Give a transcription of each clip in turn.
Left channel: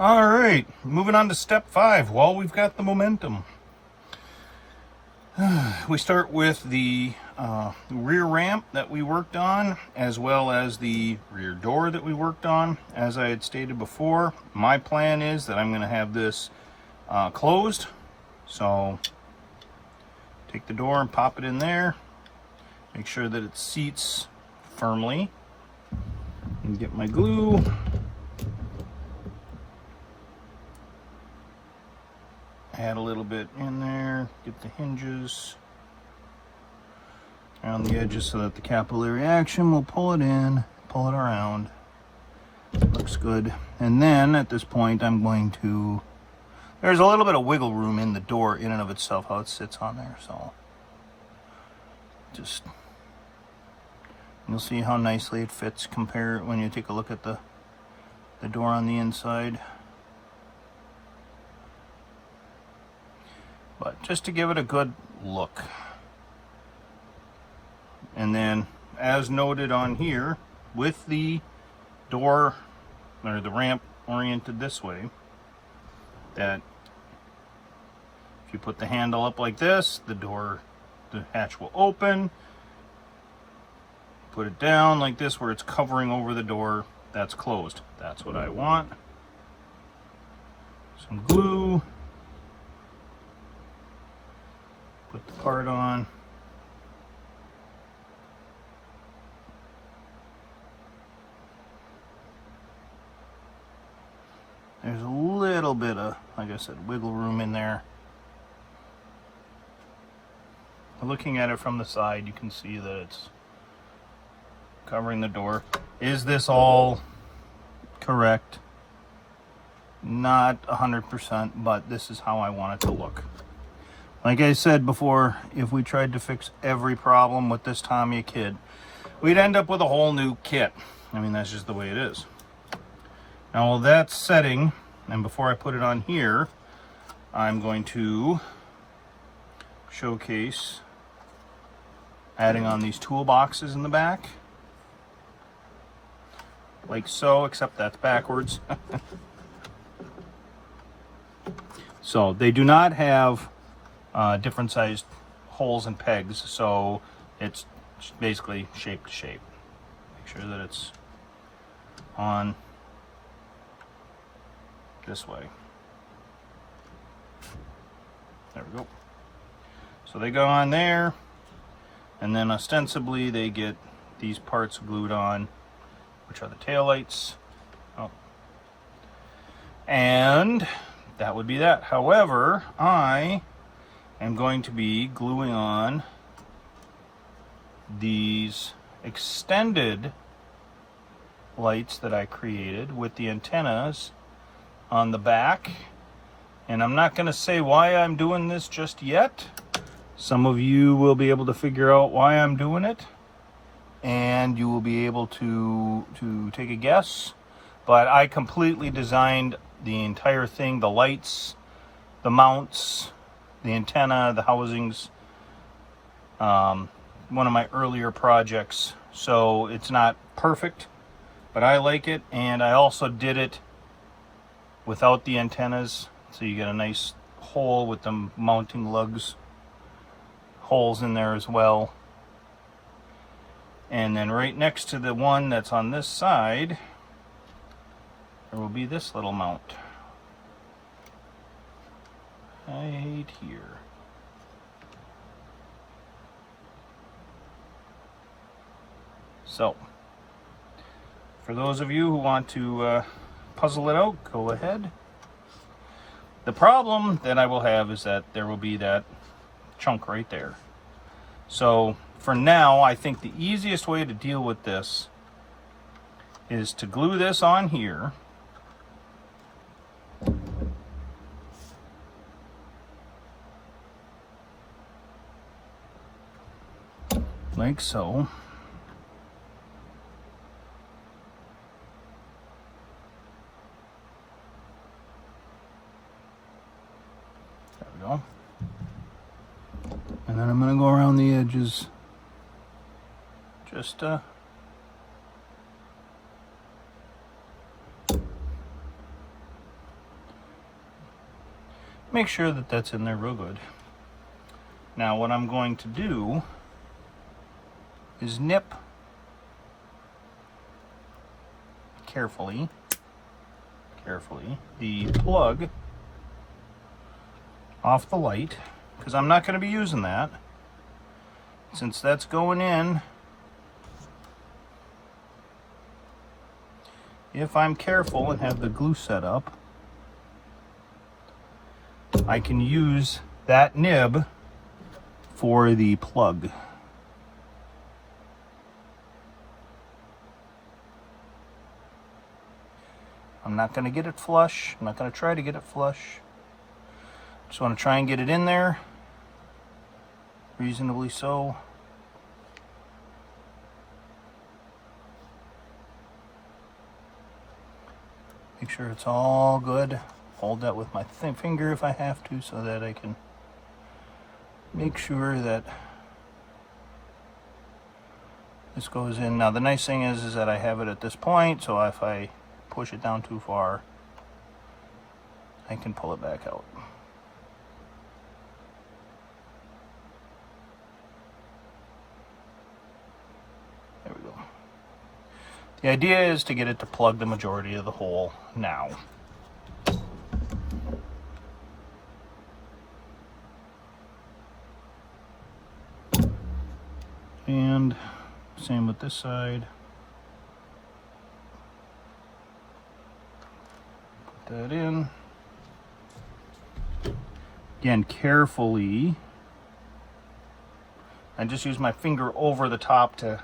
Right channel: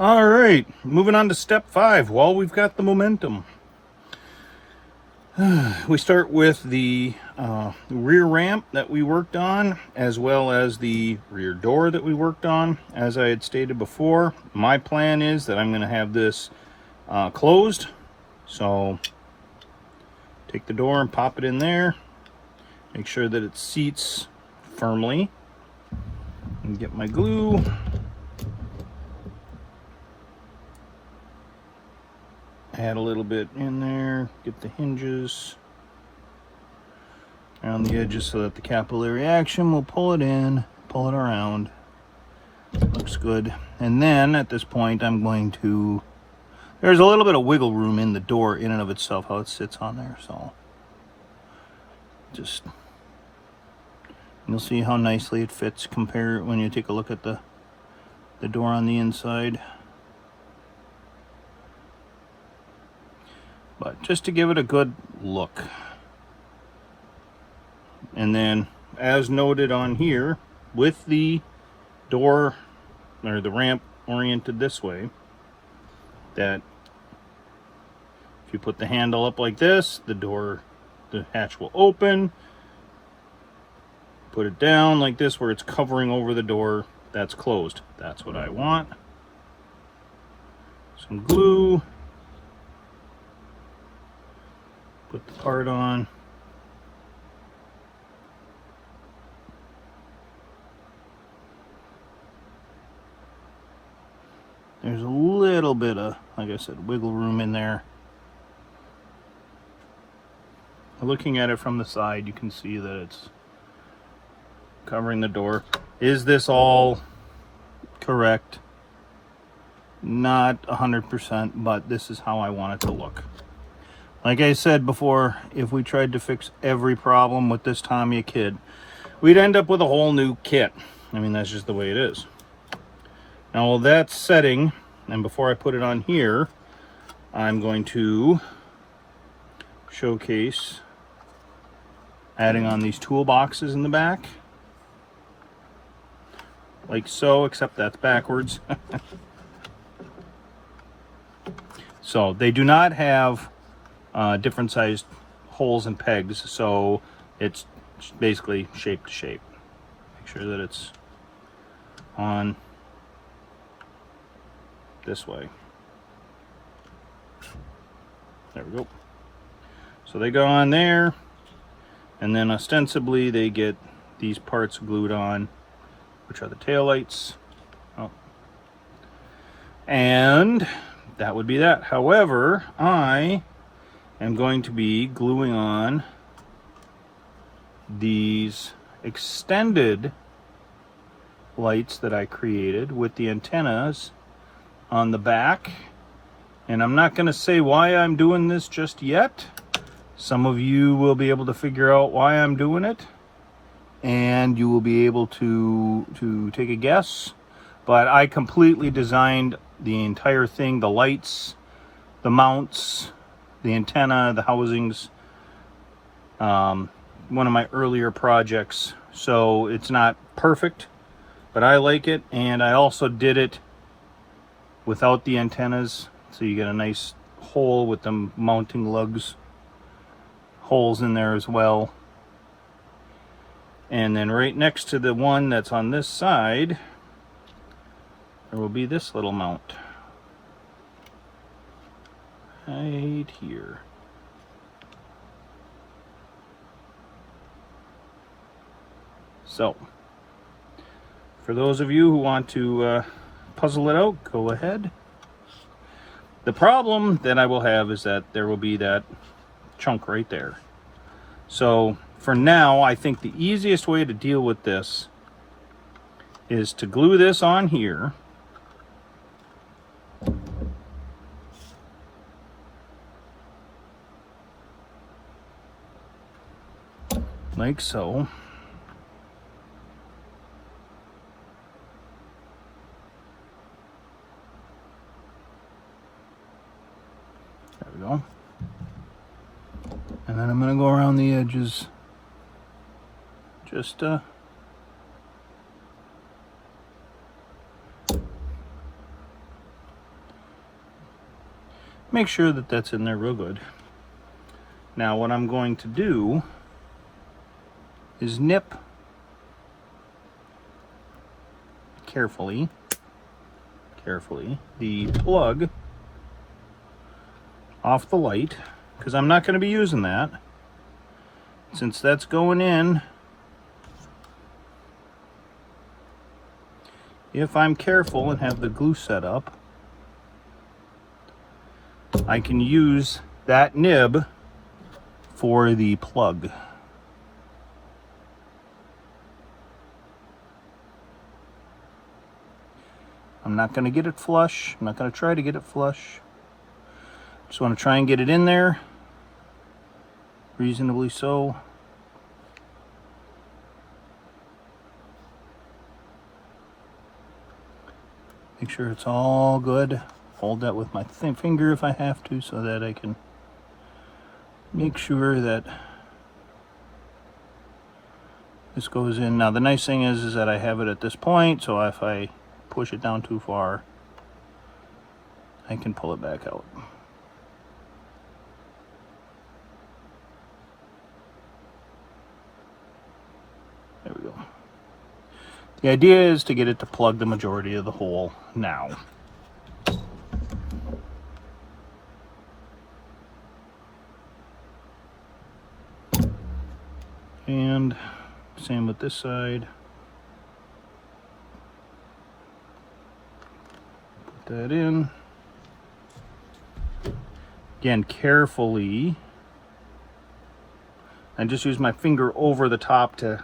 All right, moving on to step 5. While we've got the momentum, we start with the rear ramp that we worked on, as well as the rear door that we worked on. As I had stated before, my plan is that I'm going to have this closed. So take the door and pop it in there. Make sure that it seats firmly. And get my glue. Add a little bit in there. Get the hinges around the edges so that the capillary action will pull it in, pull it around. Looks good. And then at this point I'm going to, there's a little bit of wiggle room in the door in and of itself, how it sits on there. So just, you'll see how nicely it fits compared when you take a look at the door on the inside. But just to give it a good look. And then, as noted on here, with the door or the ramp oriented this way, that if you put the handle up like this, the hatch will open. Put it down like this where it's covering over the door, that's closed. That's what I want. Some glue. Put the part on. There's a little bit of, like I said, wiggle room in there. Looking at it from the side, you can see that it's covering the door. Is this all correct? Not 100%, but this is how I want it to look. Like I said before, if we tried to fix every problem with this Tamiya kit, we'd end up with a whole new kit. I mean, that's just the way it is. Now, with that setting, and before I put it on here, I'm going to showcase adding on these toolboxes in the back. Like so, except that's backwards. So, they do not have different sized holes and pegs, so it's basically shape to shape. Make sure that it's on this way. There we go. So they go on there, and then ostensibly they get these parts glued on, which are the taillights. Oh. And that would be that. However, I am going to be gluing on these extended lights that I created with the antennas on the back. And I'm not going to say why I'm doing this just yet. Some of you will be able to figure out why I'm doing it, and you will be able to take a guess. But I completely designed the entire thing, the lights, the mounts, the antenna, the housings, one of my earlier projects. So it's not perfect, but I like it. And I also did it without the antennas, so you get a nice hole with the mounting lugs, holes in there as well. And then right next to the one that's on this side, there will be this little mount right here. So for those of you who want to puzzle it out, go ahead. The problem that I will have is that there will be that chunk right there. So for now, I think the easiest way to deal with this is to glue this on here. Like so. There we go. And then I'm going to go around the edges. Just Make sure that that's in there real good. Now what I'm going to do is nip carefully the plug off the light, because I'm not going to be using that. Since that's going in, if I'm careful and have the glue set up, I can use that nib for the plug. I'm not going to get it flush. I'm not going to try to get it flush. Just want to try and get it in there reasonably so. Make sure it's all good. Hold that with my finger if I have to, so that I can make sure that this goes in. Now the nice thing is that I have it at this point, so if I push it down too far, I can pull it back out. There we go. The idea is to get it to plug the majority of the hole now. And same with this side. Put that in. Again, carefully. I just use my finger over the top to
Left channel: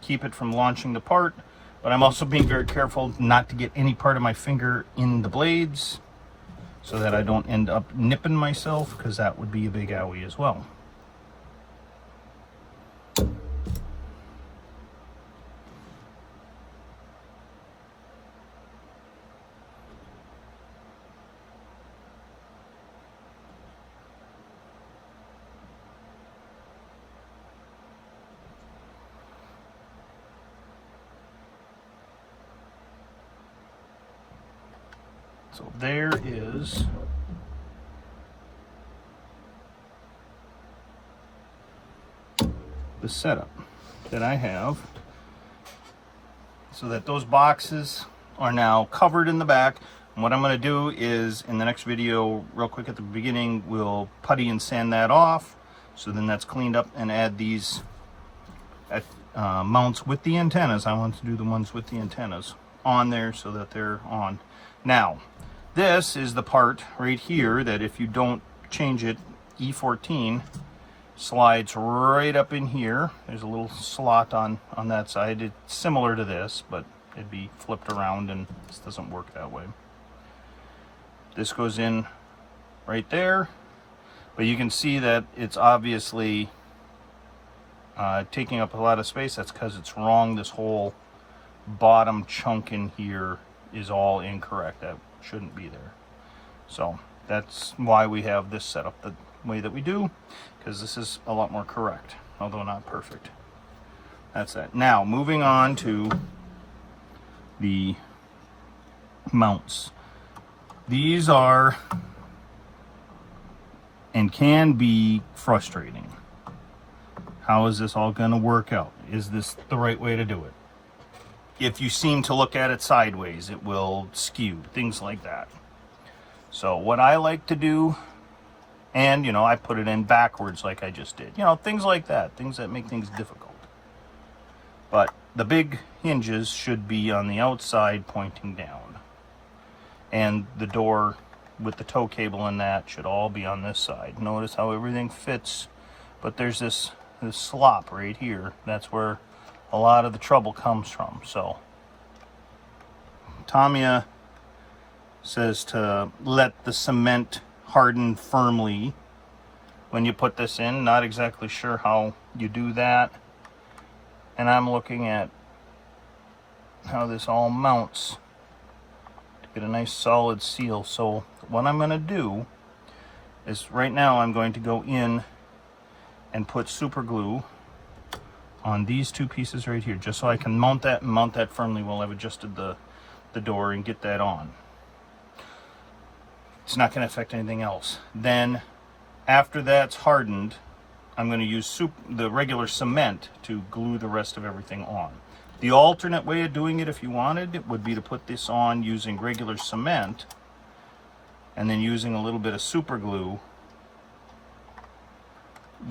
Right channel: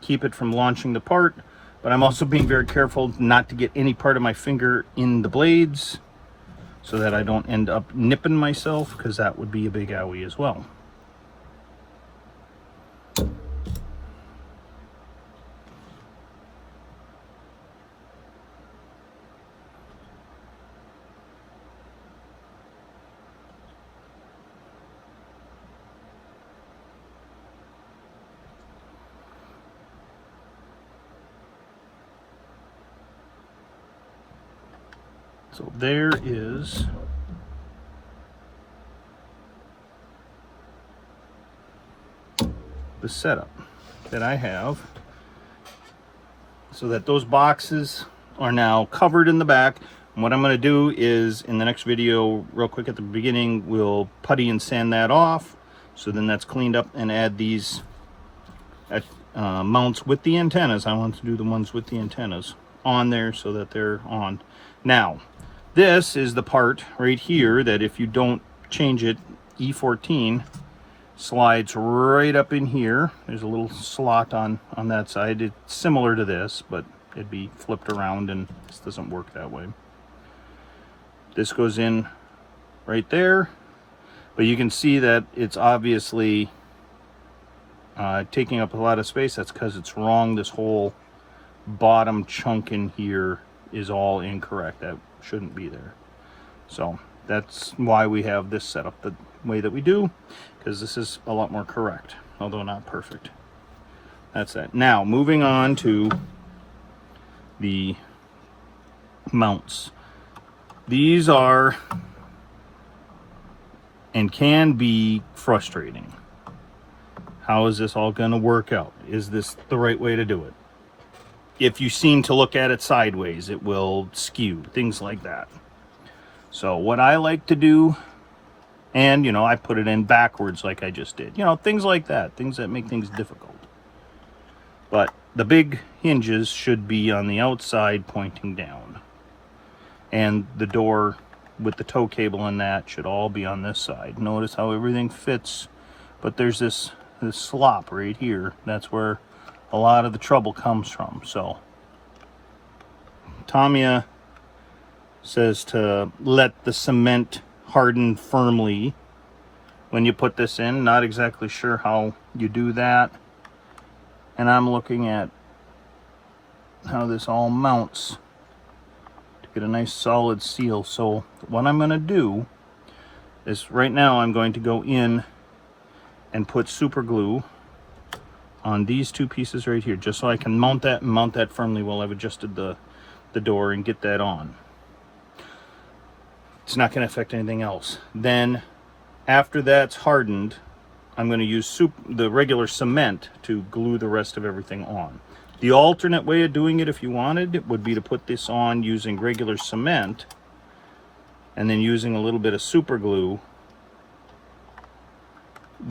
keep it from launching the part, but I'm also being very careful not to get any part of my finger in the blades so that I don't end up nipping myself, because that would be a big owie as well. So there is the setup that I have, so that those boxes are now covered in the back. And what I'm going to do is, in the next video, real quick at the beginning, we'll putty and sand that off, so then that's cleaned up, and add these mounts with the antennas. I want to do the ones with the antennas on there so that they're on. Now, this is the part right here that if you don't change it, E14 slides right up in here. There's a little slot on that side. It's similar to this, but it'd be flipped around, and this doesn't work that way. This goes in right there, but you can see that it's obviously taking up a lot of space. That's because it's wrong. This whole bottom chunk in here is all incorrect. That shouldn't be there. So that's why we have this set up the way that we do, because this is a lot more correct, although not perfect. That's that. Now moving on to the mounts. These are and can be frustrating. How is this all going to work out? Is this the right way to do it? If you seem to look at it sideways, it will skew, things like that. So what I like to do, and I put it in backwards like I just did, things like that, things that make things difficult. But the big hinges should be on the outside pointing down, and the door with the tow cable and that should all be on this side. Notice how everything fits, but there's this slop right here. That's where a lot of the trouble comes from. So Tamiya says to let the cement harden firmly when you put this in. Not exactly sure how you do that, and I'm looking at how this all mounts to get a nice solid seal. So what I'm going to do is, right now I'm going to go in and put super glue on these two pieces right here, just so I can mount that and mount that firmly while I've adjusted the door and get that on. it's not going to affect anything else. Then after that's hardened, I'm going to use the regular cement to glue the rest of everything on. The alternate way of doing it, if you wanted, it would be to put this on using regular cement and then using a little bit of super glue,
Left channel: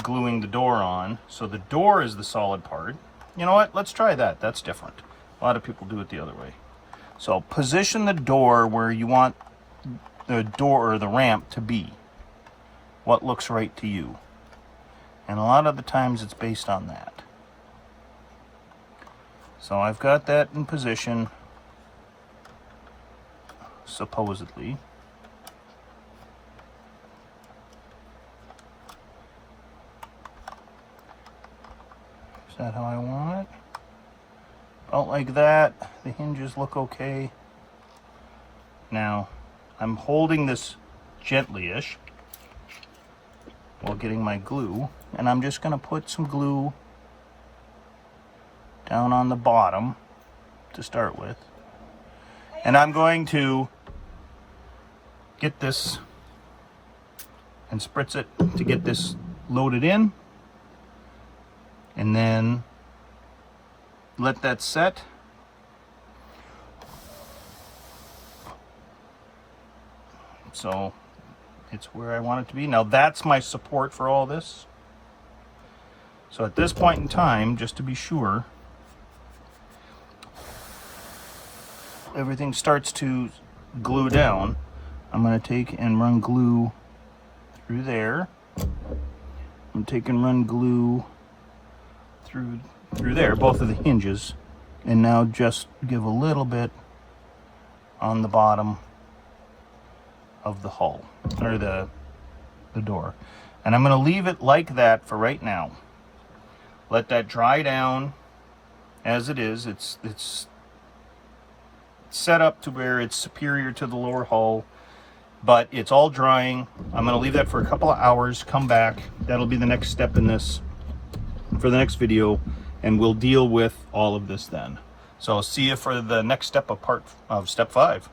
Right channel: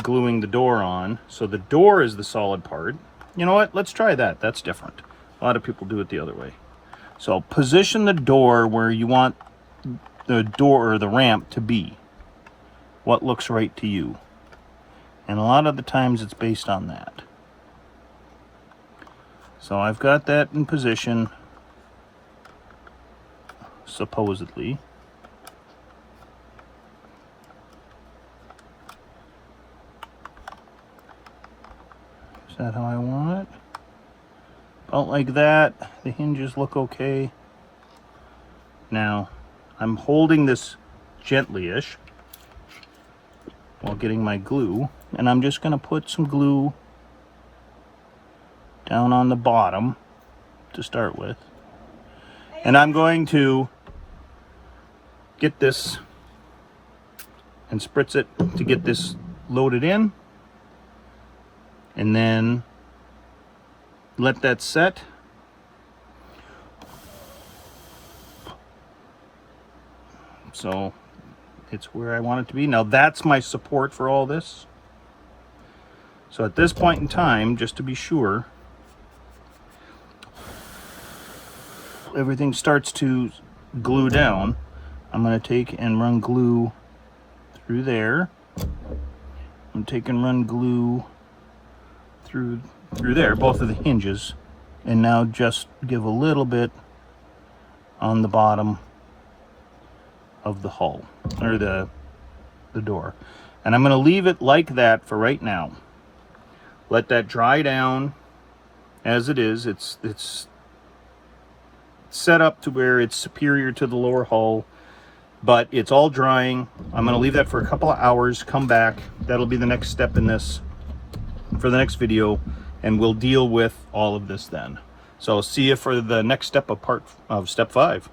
gluing the door on. So the door is the solid part. You know what? Let's try that. That's different. A lot of people do it the other way. So position the door where you want the door or the ramp to be. What looks right to you. And a lot of the times it's based on that. So I've got that in position, supposedly. Is that how I want it? About like that. The hinges look okay. Now, I'm holding this gently-ish while getting my glue, and I'm just going to put some glue down on the bottom to start with. And I'm going to get this and spritz it to get this loaded in, and then let that set. So it's where I want it to be. Now that's my support for all this. So at this point in time, just to be sure, everything starts to glue down, I'm going to take and run glue through there. I'm take and run glue through there, both of the hinges, and now just give a little bit on the bottom of the hull, or the door. And I'm going to leave it like that for right now. Let that dry down as it is. It's set up to where it's superior to the lower hull, but it's all drying. I'm going to leave that for a couple of hours, come back. That'll be the next step in this for the next video, and we'll deal with all of this then. So see you for the next step of step 5.